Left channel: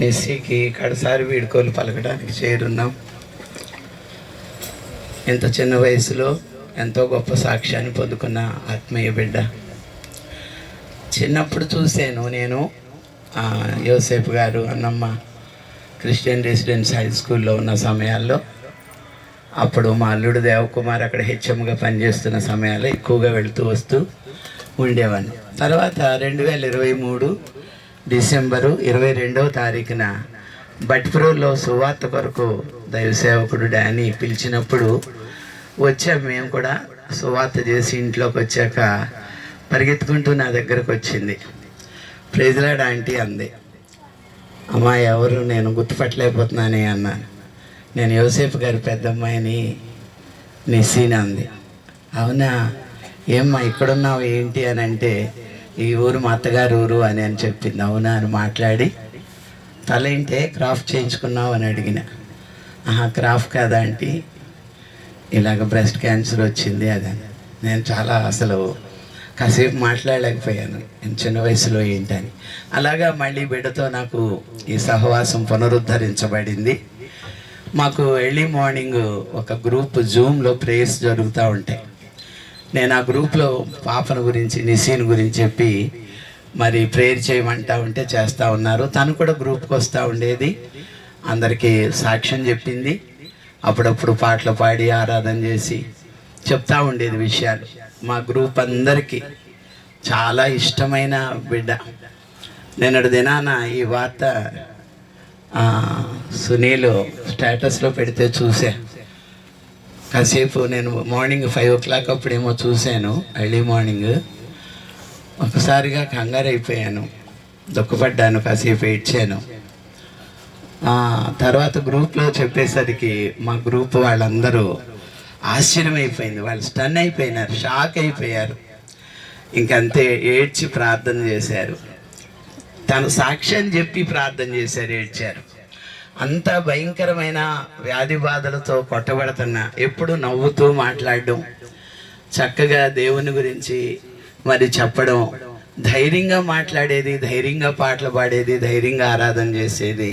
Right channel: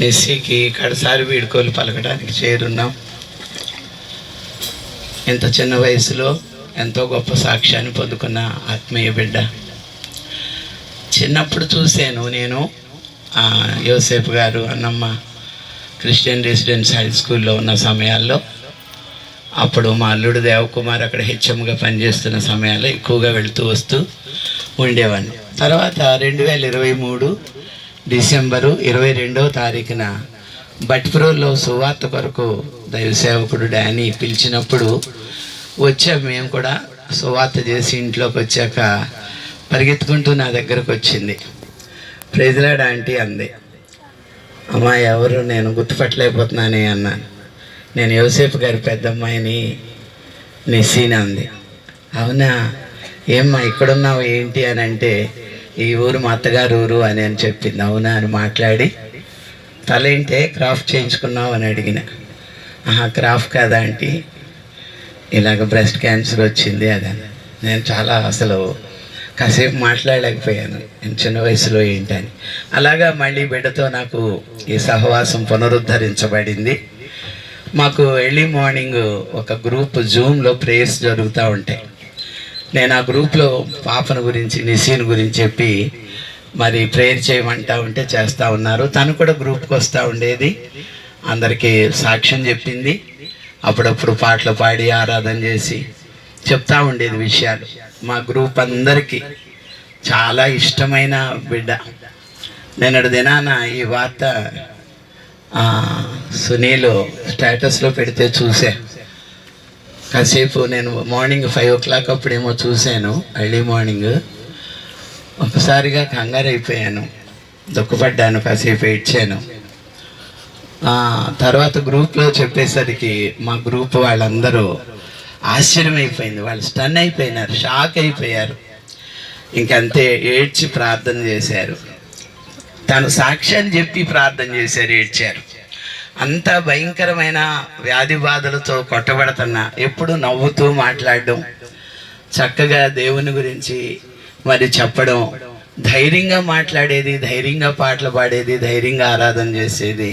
నిస్సీకి కడసారి వీడుకోలు పలకడానికి చేరున్నాం. ఇంత చిన్న వయసులో ఎంతో గొప్ప సాక్ష్యాన్ని పొందుకున్న ఆత్మీయ బిడ్డ. చిన్నప్పుడు చూశాను నేను యోసేపు గారు అన్నమ్మ క్రిస్టియన్ రెసిడెన్స్ హై స్కూల్లో ఉన్న సమయాల్లో. అప్పుడు మా అల్లుడు దేవకుమార్ అక్కడ హెచ్ఎంగా పనిచేస్తున్న సమయాల్లో ఎక్కువగా వెళుతూ వస్తూ ఉండేవాడిని. తర్వాత 2023 డిసెంబరు 22వ తారీఖున బట్ప్రోల్లో సువార్త కొరకు దైవసేవకుడు డానీ పిలిచినప్పుడు వచ్చాము. మేము కూడా సువార్త చేసి ఇంట్లోకి వచ్చాక పరిగెత్తుకుంటూ నా దగ్గరకు వచ్చింది. ప్రైజ్ లార్డ్ ఆంటీ అంది. అమ్మా ఎవరు, నేను గుర్తుపట్టలేకపోతున్నాను అన్నాను. నేను యోసేపు గారి పెద్దమ్మాయిని నిస్సీనా అంది. అవునా, ఏమ్మా ఇక్కడున్నావు ఏంటి అని అంటే, ఈ ఊరు మా అత్తగారు ఊరు అని చెప్పింది. అవునా అని మాట్లాడి, తలేంటే క్రాఫ్ట్ చేయించుకున్నావు అని అడిగిన. క్రాఫ్ట్ కాదా ఆంటీ, ఇలాగ బ్రెస్ట్ క్యాన్సర్ వచ్చింది అదని. నేను చాలా అసలు కాసేపు మాట్లాడలేకపోయాను, చిన్న వయసులో ఏంటని. అలాగా మళ్ళీ బిడ్డతో నాకు ఈ సహవాసం పునరుద్ధరించబడింది. మాకు ఎర్లీ మార్నింగ్ ఒక గ్రూప్ జూమ్లో ప్రేయర్స్ జరుగుతూ ఉంటాయి. నేను ఆ గ్రూప్లో పాపను గురించి నిసీన్ గురించి చెప్పి మరి ప్రేయర్ చేయమంటా ఉంటే చేస్తూ ఉన్నారు. తను కూడా గ్రూప్కి వస్తూ ఉండేది, అందరికీ సాక్ష్యం చెప్పింది, అప్పుడప్పుడు పాటలు పాడి ఆరాధన చేసి చెప్తూ ఉండేది విషయాలు. మా గ్రూప్ అందరికీ చాలా ఇష్టమైన బిడ్డ. నిన్నటి దినాన ఈ వార్త సునీల్ స్టేటస్లో పెడితే చూసా. కాసేపు నేను మార్నింగ్ 5 o'clock అప్పుడేమో చూశాను, ఎర్లీ మార్నింగ్. ఒకసారిగా కంగారు అయిపోయాను, దుఃఖపడ్డాను, కాసేపు ఏడ్చాను. తర్వాత గ్రూప్లో చెప్పేసరికి మా గ్రూప్ వాళ్ళందరూ ఆశ్చర్యమైపోయింది, వాళ్ళు స్టన్ అయిపోయినారు, షాక్ అయిపోయారు. ఇంకంతే ఏడ్చి ప్రార్థన చేశారు. తను సాక్ష్యాన్ని చెప్పి ప్రార్థన చేశారు, ఏడ్చారు. అంత భయంకరమైన వ్యాధి బాధలతో కొట్టబడుతున్నా ఎప్పుడు నవ్వుతూ మాట్లాడడం, చక్కగా దేవుని గురించి మరి చెప్పడం, ధైర్యంగా మాట్లాడేది, ధైర్యంగా పాటలు పాడేది, ధైర్యంగా ఆరాధన చేసేది.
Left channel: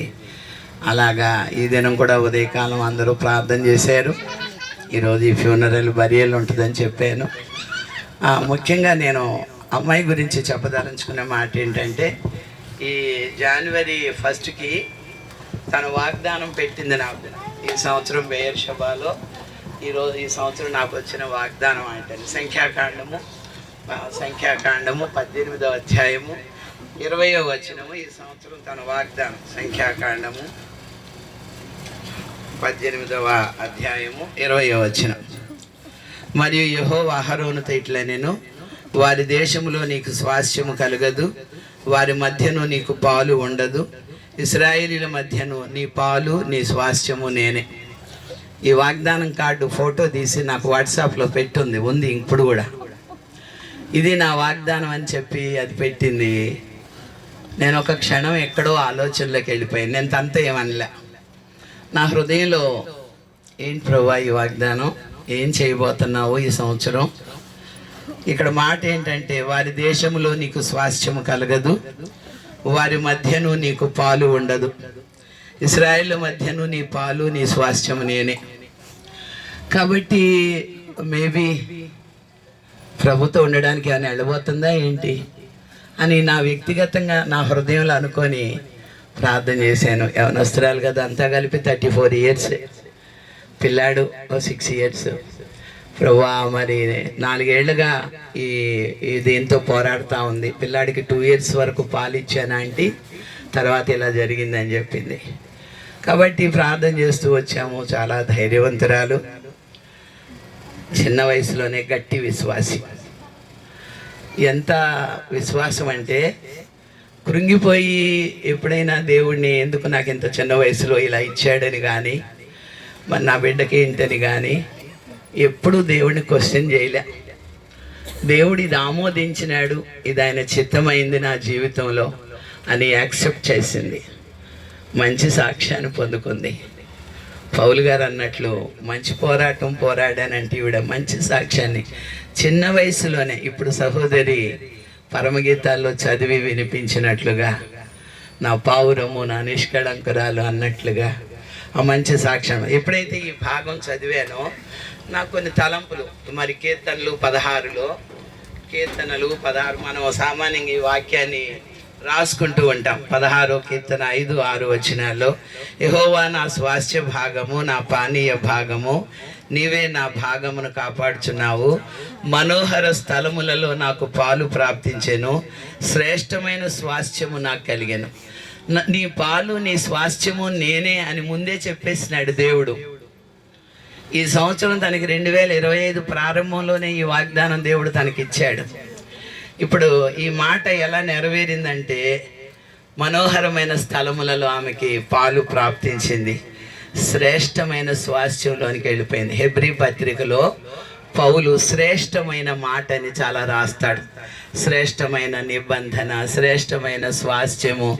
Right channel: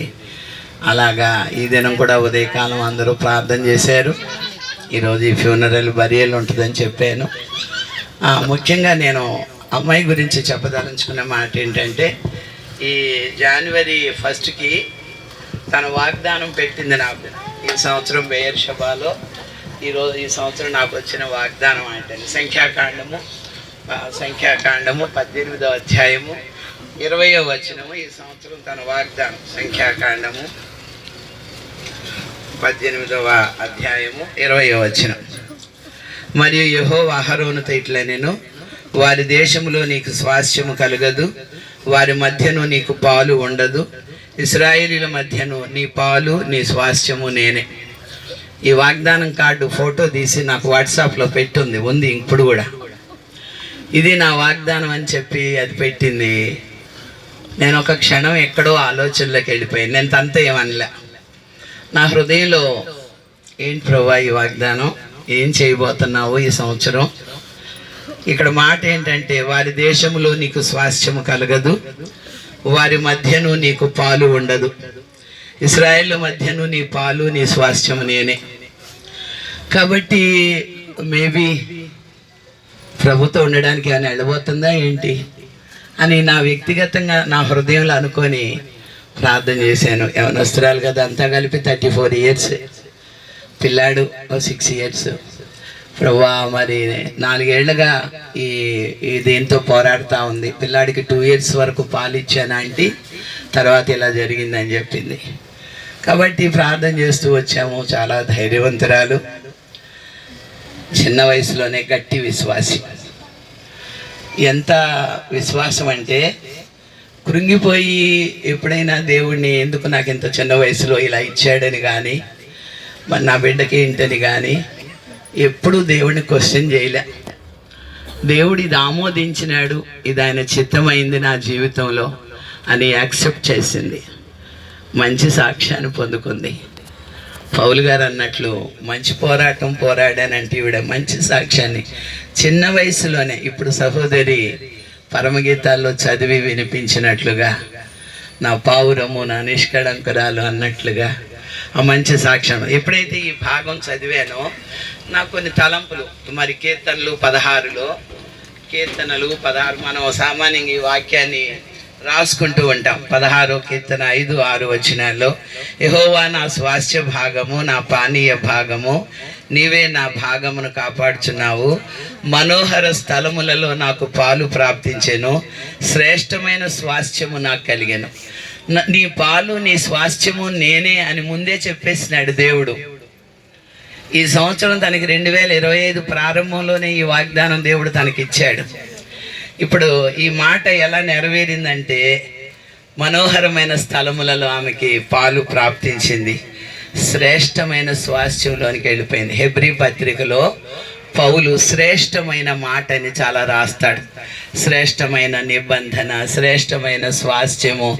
అలాగా ఈ దినం కూడా ఉదయకాలం అందరూ ప్రార్థన చేశారు. ఈరోజు ఈ ఫ్యూనరల్ బరియల్ ఉంటుందని చెప్పాను. ముఖ్యంగా నేను అమ్మాయి గురించి చెప్పదలుచుకునే మాట ఏంటంటే, ఈ జనవరి 1st తన వాగ్దానం పెట్టింది నాకు. ఈ సంవత్సరం బెయేర్షెబాలో ఈ సంవత్సరం నాకు వచ్చిన వాగ్దానం ఏంటంటే, సంఖ్యాకాండము 18వ అధ్యాయము 20వ వచనము. ఈ సంవత్సరం తన వాగ్దానం సంఖ్యాకాండము 18వ అధ్యాయము 20వ వచనం. మరియు యెహోవా అహరోనుతో ఇట్లనెను, వారి దేశములో నీకు స్వాస్థ్యము కలగదు, వారి మధ్యను నీకు పాలు ఉండదు, ఇశ్రాయేలీల మధ్యను నీ పాలు నీ స్వాస్థ్యము నేనే. ఈ వాగ్దానం కార్డు ఫోటో తీసి నాకు వాట్సాప్లో ఉంది ఇప్పుడు కూడా. ఇది నా వాగ్దానం అని చెప్పి అది పెట్టింది. నేను ఒక క్షణం ఎక్కడో ఆలోచనలోకి వెళ్ళిపోయాను. నేను తనతో ఏమనలే. నా హృదయంలో, ఏంటి ప్రభువా ఈ వాగ్దానం, ఏం చేయబోతున్నావు ఈ సంవత్సరం? ఇక్కడ మాట ఏంటంటే, వారి దేశంలో నీకు స్వాస్థ్యము కలగదు, వారి మధ్యను నీకు పాలు ఉండదు, ఇశ్రాయేలు మధ్యను నీ పాలు నీ స్వాస్థ్యము నేనే. కాబట్టి మేబీ ప్రభుతో ఉండడానికి ఆయన వెళ్ళబోతుందా ఏంటి అని నా వ్యక్తిగతంగా నా హృదయంలో అనుకొని ప్రార్థన చేశాను. యవనస్తురాలు కదా, అంతా కలిపి 34 years, పిల్లాడు 6 years. ప్రభువా మరి 4 ఏళ్ళుగా ఈ దేంతో పోరాడుతూ ఉంది. పిల్లాడికి 2 years వరకు పాలు ఇచ్చాను ఆంటీ, తర్వాత ఇలా జరిగిందని చెప్పింది. కాబట్టి ప్రార్థన చేస్తూ వచ్చాము. చాలా ధైర్యవంతురాలు, చిన్న వయసులోనే గట్టి విశ్వాసి. ఎంత విశ్వాసం అంటే, కృంగిపోయి ఎప్పుడైనా దేవుడిని ఎందుకు నాకు ఇంత చిన్న వయసులో ఇలా ఇచ్చాడని కానీ, మరి నా బిడ్డకి ఏంటని కానీ ఎప్పుడు దేవుడిని క్వశ్చన్ చేయలే. దేవుడు ఇది ఆమోదించినాడు, ఇది ఆయన చిత్తమైంది నా జీవితంలో అని యాక్సెప్ట్ చేసింది. మంచి సాక్ష్యాన్ని పొందుకుంది. పౌలు గారు అన్నట్లు మంచి పోరాటం పోరాడానంటే ఈవిడ మంచి సాక్ష్యాన్ని చిన్న వయసులోనే, ఇప్పుడు సహోదరి పరమగీతాల్లో చదివి వినిపించినట్లుగా నా పావురము, నా నిష్కళంకురాలు అన్నట్లుగా ఆ మంచి సాక్ష్యం. ఎప్పుడైతే ఈ భాగం చదివానో నాకు కొన్ని తలంపులు. మరి కీర్తనలు 16లో, కీర్తనలు 16 మనం సామాన్యంగా ఈ వాక్యాన్ని రాసుకుంటూ ఉంటాం. 16వ కీర్తన 5, 6 వచనాల్లో, యెహోవా నా స్వాస్థ్య భాగము, నా పానీయ భాగము, నీవే నా భాగమును కాపాడుచున్నావు. మనోహర స్థలములలో నాకు పాలు ప్రాప్తించెను, శ్రేష్టమైన స్వాస్థ్యము నాకు కలిగెను. నీ పాలు, నీ స్వాస్థ్యము నేనే అని ముందే చెప్పేసినాడు దేవుడు. ఈ సంవత్సరం తనకి 2025 ప్రారంభంలోనే ఈ వాగ్దానం దేవుడు తనకిచ్చాడు. ఇప్పుడు ఈ మాట ఎలా నెరవేరిందంటే, మనోహరమైన స్థలములలో ఆమెకి పాలు ప్రాప్తించింది, శ్రేష్టమైన స్వాస్థ్యంలోనికి వెళ్ళిపోయింది. హెబ్రీ పత్రికలో పౌలు శ్రేష్టమైన మాట అని చాలా రాస్తాడు. శ్రేష్టమైన నిబంధన, శ్రేష్టమైన స్వాస్థ్యము,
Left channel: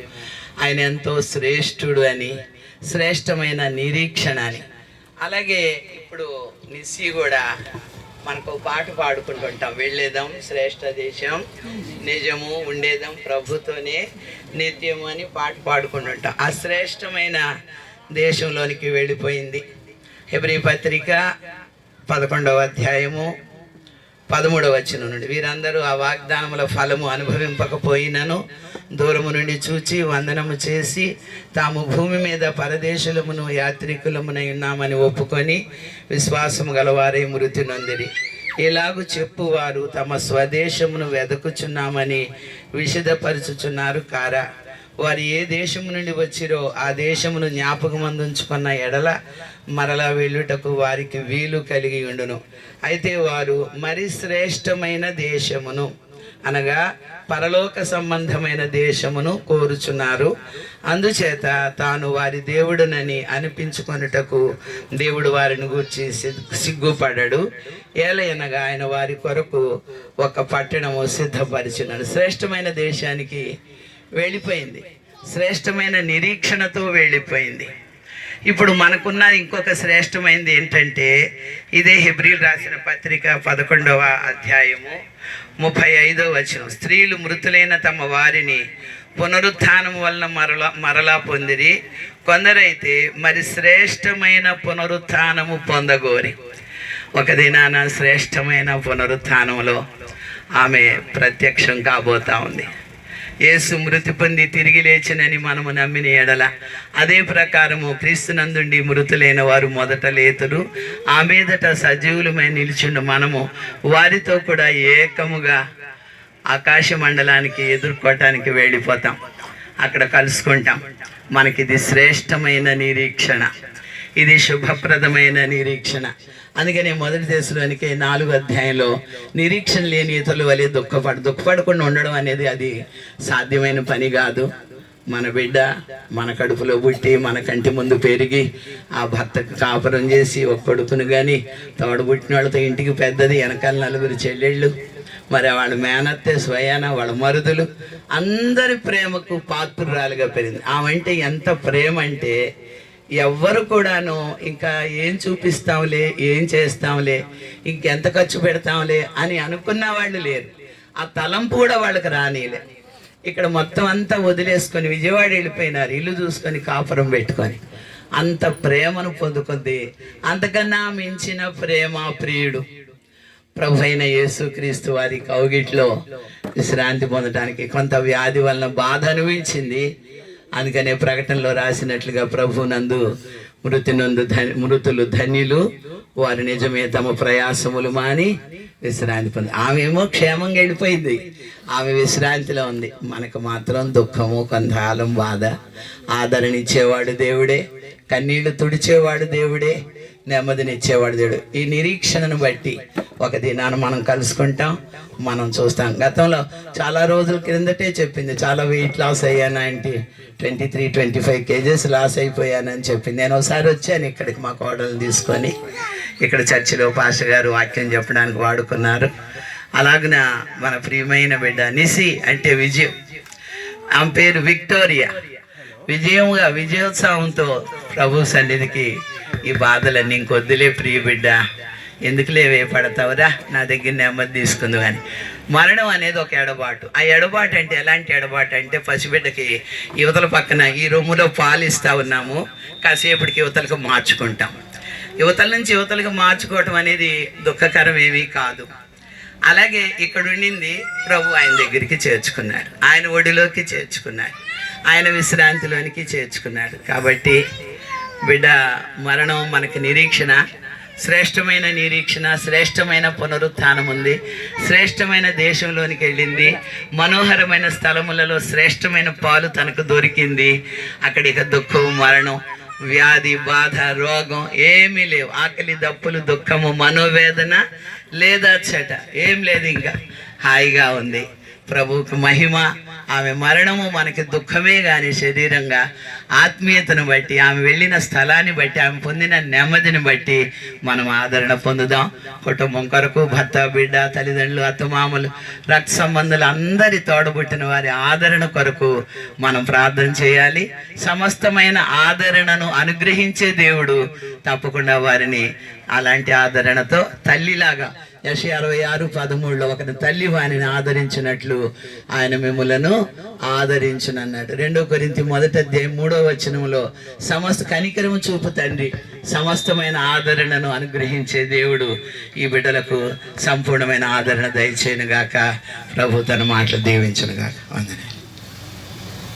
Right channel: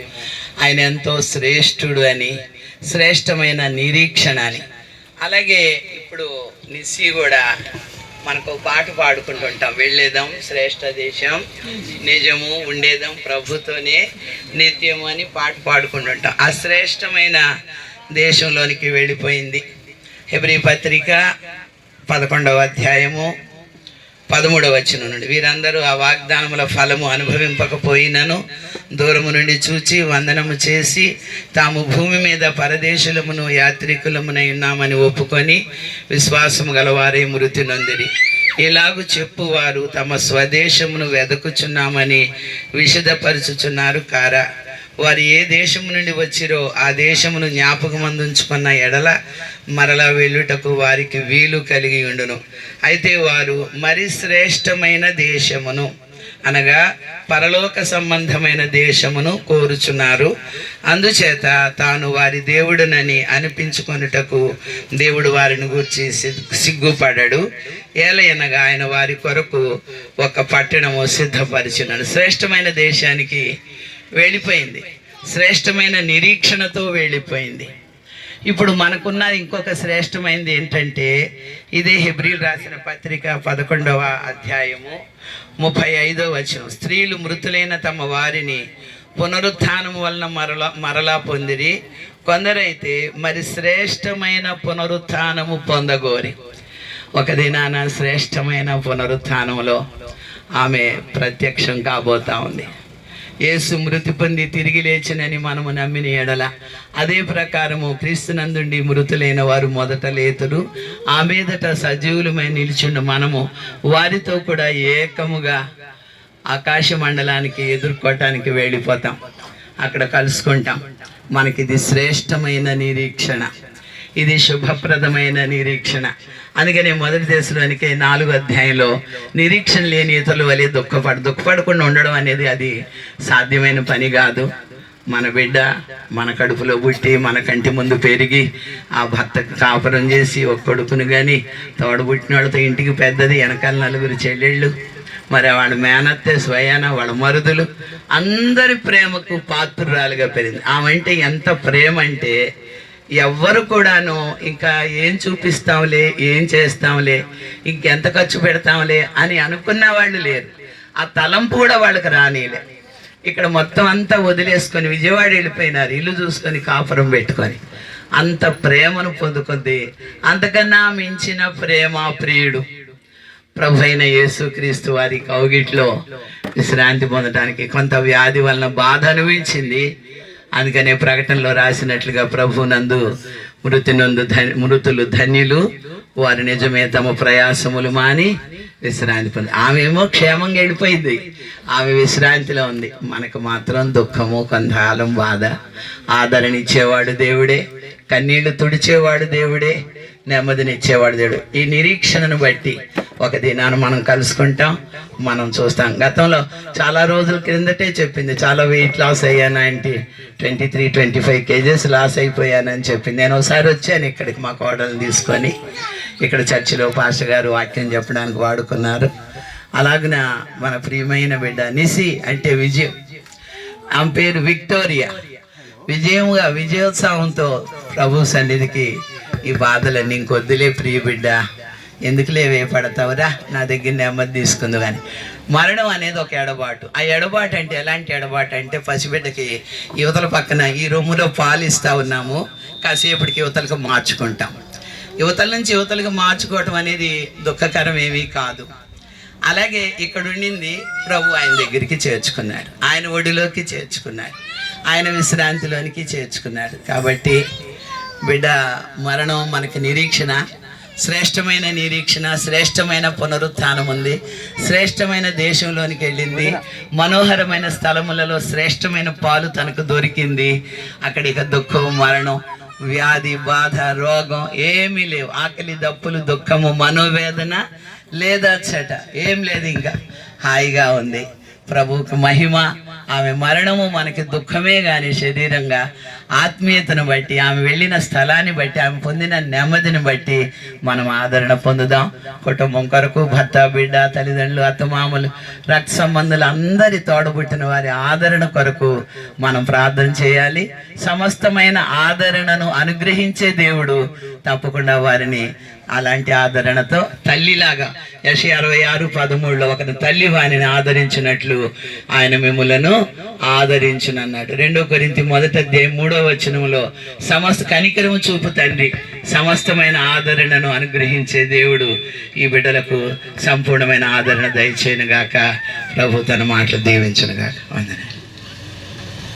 ఆయన ఎంతో శ్రేష్ఠుడు అని, శ్రేష్టమైన నిరీక్షణ అని. అలాగే ఇప్పుడు నిస్సి కూడా మనకు పాట పాడుకుంటుంటాం, వెళ్ళేదాం శ్రేష్ఠ దేశం, నిజము ఉండేదాం ప్రభుతోనే నిత్యము అని పాట పాడుకుంటుంటాం. ఆ శ్రేష్టమైన దేశంలోనికి వెళ్ళిపోయింది. హెబ్రీ పత్రిక 11వ అధ్యాయము 13వ వచనం నుండి, వీరందరూ ఆ వాగ్దానముల ఫలము అనుభవింపకపోయినను దూరము నుండి చూచి వందనము చేసి తాము భూమి మీద పరదేశులమును యాత్రికులమునై ఉన్నామని ఒప్పుకొని విశ్వాసము గలవారే మృతి నొందిరి. ఇలాగు చెప్పువారు తమ స్వదేశమును వెదకుచున్నామని విశదపరచుచున్నారు కారా. వారు ఏ దేశము నుండి వచ్చిరో ఆ దేశమును జ్ఞాపకమందుంచుకున్న ఎడల మరలా వెళ్ళుటకు వారికి వీలు కలిగి ఉండును. అయితే వారు మరి శ్రేష్టమైన దేశమును, అనగా పరలోక సంబంధమైన దేశమును కోరుచున్నారు. అందుచేత తాను వారి దేవుడునని అనిపించుకొనుటకు దేవుడు వారిని గూర్చి సిగ్గుపడడు. ఏలయనగా ఆయన వారి కొరకు ఒక పట్టణము సిద్ధపరిచినాడు. శ్రేష్టమైన దేశానికి వెళ్ళిపోయింది, శ్రేష్టమైన నిరీక్షణతో వెళ్ళిపోయింది. ఇప్పుడు మనకున్న ఇంకొక శ్రేష్టమైనది ఏంటంటే, ఇదే హెబ్రీలు రాసిన పత్రిక 11వ అధ్యాయము 35వ వచనం, స్త్రీలు మృతులైన తమ వారిని పునరుత్థానం వలన మరలా పొందిరి, కొందరైతే మరి శ్రేష్టమైన పునరుత్థానము పొందగోరి. ఒక దినాన శ్రేష్టమైన పునరుత్థానంలో ఆమె ప్రత్యక్షం కాబోతా ఉంది. యేసు మృతి పొంది తిరిగి లేచినని మనము నమ్మిన ఎడల అదే ప్రకారము క్రీస్తునందుండి మృతులైన వారు మొదట లేతురు, ఆ మీదట సజీవులమై నిలిచిండు మనము వారితో కూడా ఏకముగా ఆకాశ మండలానికి ఎదుర్కోవటానికి వెళ్ళిపోతాం, అక్కడ కలుసుకుంటాం. మనకిది శ్రేష్టమైన నిరీక్షణ, ఇది శుభప్రదమైన నిరీక్షణ. అందుకనే మొదటి దశలోనికి 4వ అధ్యాయంలో నిరీక్షణ లేని ఇతరుల వలె దుఃఖపడకుండా ఉండడం అనేది అది సాధ్యమైన పని కాదు. మన బిడ్డ మన కడుపులో పుట్టి మన కంటి ముందు పెరిగి ఆ భర్తకు కాపురం చేసి ఒక కొడుకును కానీ తోడబుట్టిన వాళ్ళతో ఇంటికి పెద్దది, వెనకాల 4 చెల్లెళ్ళు, మరి వాళ్ళ మేనత్తే స్వయాన వాళ్ళ మరుదులు, అందరి ప్రేమకు పాత్రురాలుగా పెరిగింది. ఆమె అంటే ఎంత ప్రేమ అంటే ఎవ్వరు కూడాను ఇంకా ఏం చూపిస్తాంలే, ఏం చేస్తాంలే, ఇంకెంత ఖర్చు పెడతాంలే అని అనుకున్న వాళ్ళు లేరు. ఆ తలంపు కూడా వాళ్ళకి రానిలే. ఇక్కడ మొత్తం అంతా వదిలేసుకొని విజయవాడ వెళ్ళిపోయినారు, ఇల్లు చూసుకొని కాపురం పెట్టుకొని. అంత ప్రేమను పొందుకుంది. అంతకన్నా మించిన ప్రేమ ప్రియుడు ప్రభు అయిన యేసుక్రీస్తు వారి కౌగిట్లో విశ్రాంతి పొందడానికి కొంత వ్యాధి వలన బాధ అనుభవించింది. అందుకనే ప్రకటనలో రాసినట్లుగా ప్రభునందు మృతులు ధన్యులు, వారు నిజమే తమ ప్రయాసములు మాని విశ్రాంతి పొంది. ఆమె ఏమో క్షేమంగా వెళ్ళిపోయింది, ఆమె విశ్రాంతిలో ఉంది. మనకు మాత్రం దుఃఖము, కొంతకాలం బాధ. ఆదరణ ఇచ్చేవాడు దేవుడే, కన్నీళ్లు తుడిచేవాడు దేవుడే, నెమ్మదినిచ్చేవాడు దేవుడు. ఈ నిరీక్షణను బట్టి ఒక దినాన్ని మనం కలుసుకుంటాం, మనం చూస్తాం. గతంలో చాలా రోజుల క్రిందటే చెప్పింది, చాలా వెయిట్ లాస్ అయ్యాను, 23-25 kgs లాస్ అయిపోయానని చెప్పింది. నేను ఒకసారి వచ్చాను ఇక్కడికి మా కోడలు తీసుకొని, ఇక్కడ చర్చిలో పాస్టర్ గారు వాక్యం చెప్పడానికి వాడుకున్నారు. అలాగన మన ప్రియమైన బిడ్డ నిసి అంటే విజయం, ఆమె పేరు విక్టోరియా, విజయోత్సవంతో ప్రభు సన్నిధికి ఈ బాధలన్నీ ఇంకొద్దులే ప్రియ బిడ్డ, ఎందుకులే వేపడతావురా, నా దగ్గర నెమ్మది తీసుకుంది కానీ మరణం అనేది ఒక ఎడబాటు. ఆ ఎడబాటు అంటే ఎలాంటి ఎడబాటు అంటే, పసిబిడ్డకి యువతల పక్కన ఈ రొమ్ములో పాలు ఇస్తూ ఉన్నాము, కాసేపటికి యువతలకు మార్చుకుంటాం. యువతల నుంచి యువతలకు మార్చుకోవటం అనేది దుఃఖకరం ఏమీ కాదు. అలాగే ఇక్కడ ఉండింది ప్రభు ఆయన దగ్గరికి చేర్చుకున్నాడు, ఆయన ఒడిలోకి చేర్చుకున్నాడు, ఆయన విశ్రాంతిలోనికి చేర్చుకున్నాడు. కాబట్టి బిడ్డ, మరణం మనకి నిరీక్షణ, శ్రేష్టమైన నిరీక్షణ, శ్రేష్టమైన పునరుత్థానం ఉంది, శ్రేష్టమైన దేశంలోనికి వెళ్ళింది, మనోహరమైన స్థలములలో శ్రేష్టమైన పాలు తనకు దొరికింది. అక్కడ ఇక దుఃఖం, మరణం, వ్యాధి, బాధ, రోగం ఏమీ లేవు. ఆకలి, దప్పులు, దుఃఖము, మనోవేదన లేదా చెట ఏం లేదు. ఇంకా హాయిగా ఉంది. ప్రభువుకు మహిమ. ఆమె మరణము మనకి దుఃఖమే కానీ శరీరంగా ఆత్మీయతను బట్టి, ఆమె వెళ్ళిన స్థలాన్ని బట్టి, ఆమె పొందిన నెమ్మదిని బట్టి మనం ఆదరణ పొందుదాం. కుటుంబం కొరకు భర్త, బిడ్డ, తల్లిదండ్రులు, అత్తమామలు, రక్త సంబంధులు అందరి తోడబుట్టిన వారి ఆదరణ కొరకు మనం ప్రార్థన చేయాలి. సమస్తమైన ఆదరణను అనుగ్రహించే దేవుడు తప్పకుండా వారిని అలాంటి ఆదరణతో తల్లిలాగా, యెషయా 66:13 ఒకరి తల్లి వారిని ఆదరించినట్లు ఆయన మిమ్ములను ఆదరించునన్నాడు. 2 కొరింథీ 1:3 సమస్త కనికరము చూపు తండ్రి సమస్తమైన ఆదరణను అనుగ్రహించే దేవుడు ఈ బిడ్డలకు సంపూర్ణమైన ఆదరణ దయచేయను గాక. ప్రభు తన మాటలు దీవించును గాక. వందనాలు.